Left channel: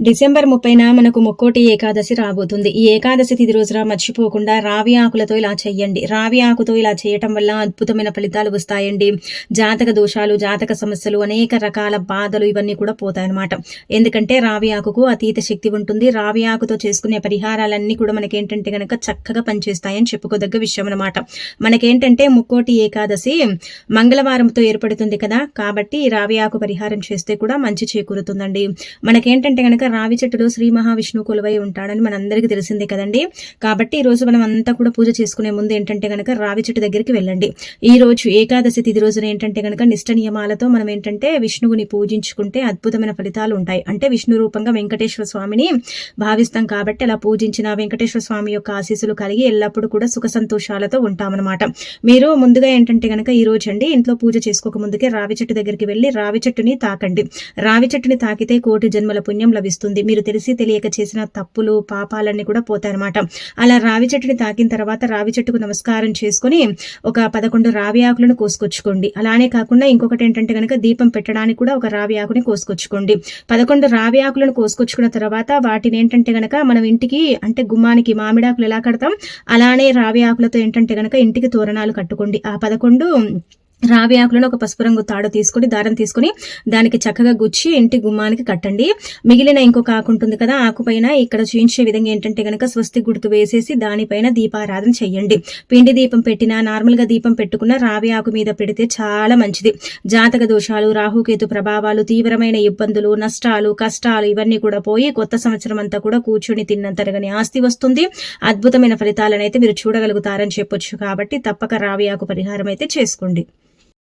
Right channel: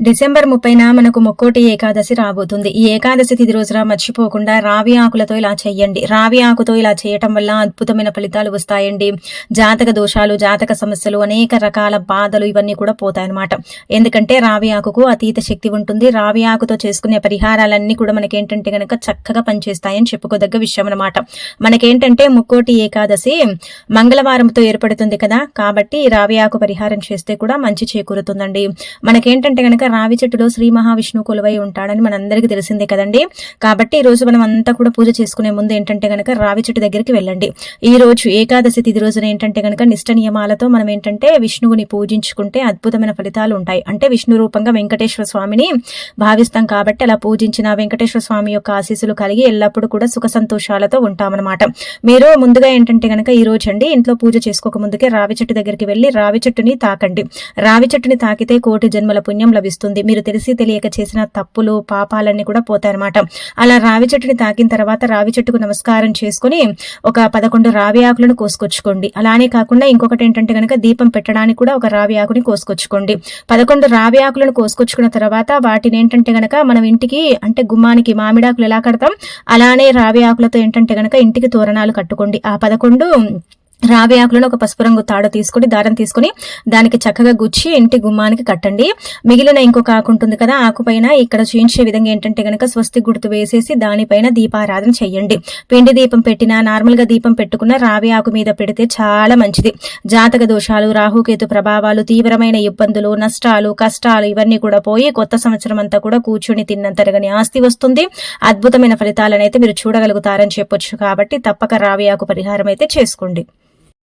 December 30న మనకు ముక్కోటి ఏకాదశి రాబోతుంది. ఈ ఏకాదశి తిథి రోజున మర్చిపోకుండా రావి ఆకులతో ఇలా చెయ్యండి. రావి ఆకుతో ఇలా చేయటం వల్ల అద్భుతమైన ఫలితాలు వస్తాయండి. జాతక దోషాలు, జాతక సమస్యలు, అనేక రకాల బాధలు ఇవన్నీ కూడా పోతాయన్నమాట. ఎందుకంటే రావి ఆకుకు అతీత శక్తి ఉంటుంది. రావి ఆకుతో చేసుకునే పరిహారాలన్నీ కూడా మనకేంటంటే గనక చక్కగా పనిచేస్తాయని చెప్పుకోదగ్గ విషయం అనమాట. మనకేంటంటే ముక్కోటి ఏకాదశి మంగళవారంతో ఏర్పడుతుంది కదా, కాబట్టి రావి ఆకు పరిహారం చేస్తే కూడా మంచి చేకూరుతుందండి. మనకేంటంటే గనక రావి చెట్టులో శ్రీ మహావిష్ణువు కొలువై ఉంటాడని మనందరికీ తెలిసిందే కదండి. కాబట్టి ఈ రోజు మనం అంతా కూడా పూజ చేసుకునే ముందు ఏంటంటే గనక రావి చెట్టు దగ్గరికి వెళ్ళండి. ఈ రోజు ఏకాదశి తిథి రోజున ఏంటంటే గనక నిష్ట నియమాలతో మనం ఏంటంటే విష్ణువుని పూజించుకుంటే అద్భుతమైన ఫలితాలు ఉంటాయి. అంటే విష్ణు రూపంగా వెంకటేశ్వర స్వామిని భావిస్తాం కాబట్టి అలా పూజించిన వెంకటేశ్వర స్వామి యొక్క ఆశీస్సులు కలిగి ఎల్లప్పుడూ కూడా సుఖ సంతోషాలతో ఉంటామన్నమాట. మీరు ముందుగా ఏంటంటే గనక ఈ రోజు అండి ఇంట్లో పూజ చేసుకోక ముందుకే రావి చెట్టు దగ్గరికి వెళ్ళి రావి చెట్టుని తాకండి. రావి చెట్టుని తాకితే కోటి జన్మల పుణ్యం లభిస్తుంది. మీరు తెలిసి తెలియక చేసిన తప్పులు, పాపాలన్నీ కూడా పోతాయన్నమాట. అలా రావి చెట్టుని తాకిన తర్వాత రావి చెట్టుకు నమస్కారం చేసుకుని ఒక 11 రావి ఆకులను కోసుకొచ్చుకోండి. అలానే కాకుండా ఇంకొకటి ఏంటంటే గనక దీపం పెట్టడానికి కూడా ఒక రావి ఆకుని కోసుకొచ్చుకోండి. 11 రావి ఆకులను కోసుకొచ్చుకున్న తర్వాత వాటిని ఏంటంటే గనక మనం ఇంటికి అంటే గుమ్మానికి మామిడాకులు ఎలా కడతాం అలానే రావి ఆకులతో ఏంటంటే గనక ఇంటికి తోరణాలు కట్టుకోండి. ఆ 11 రావి ఆకులను ఒక పసుపు రంగు తాడు తీసుకుని దారం తీసుకుని దానికి చక్కగా గుచ్చి ఇంటి గుమ్మానికి కట్టండి. మిగిలిన ఇంకొక ఆకు ఉంటుంది కదా, ఆకు పైన ఇక్కడ చూయించే విధంగా ఏంటంటే గనక స్వస్తి గుర్తు వేసేసి దానిపైన దీపారాధన చెయ్యండి. పిండి దీపం పెట్టినా నార్మల్ గా దీపం పెట్టుకున్న రావి ఆకు మీద పెడితే చాలా మంచిది. జాతక దోషాలు, రాహుకేతు ప్రభావాలు, తీవ్రమైన ఇబ్బందులు, నష్టాలు, కష్టాలు ఇవన్నీ కూడా పోయి కొత్త సంవత్సరం అంతా కూడా కూర్చొని తిన్నంతరగని ఆస్తి వస్తుంది. అద్భుతమైన ఫలితాలను అయితే మీరు చూడగలుగుతారని చెప్పొచ్చు. కాబట్టి తప్పక రావి ఆకు పరిహారం అయితే చేసుకోండి.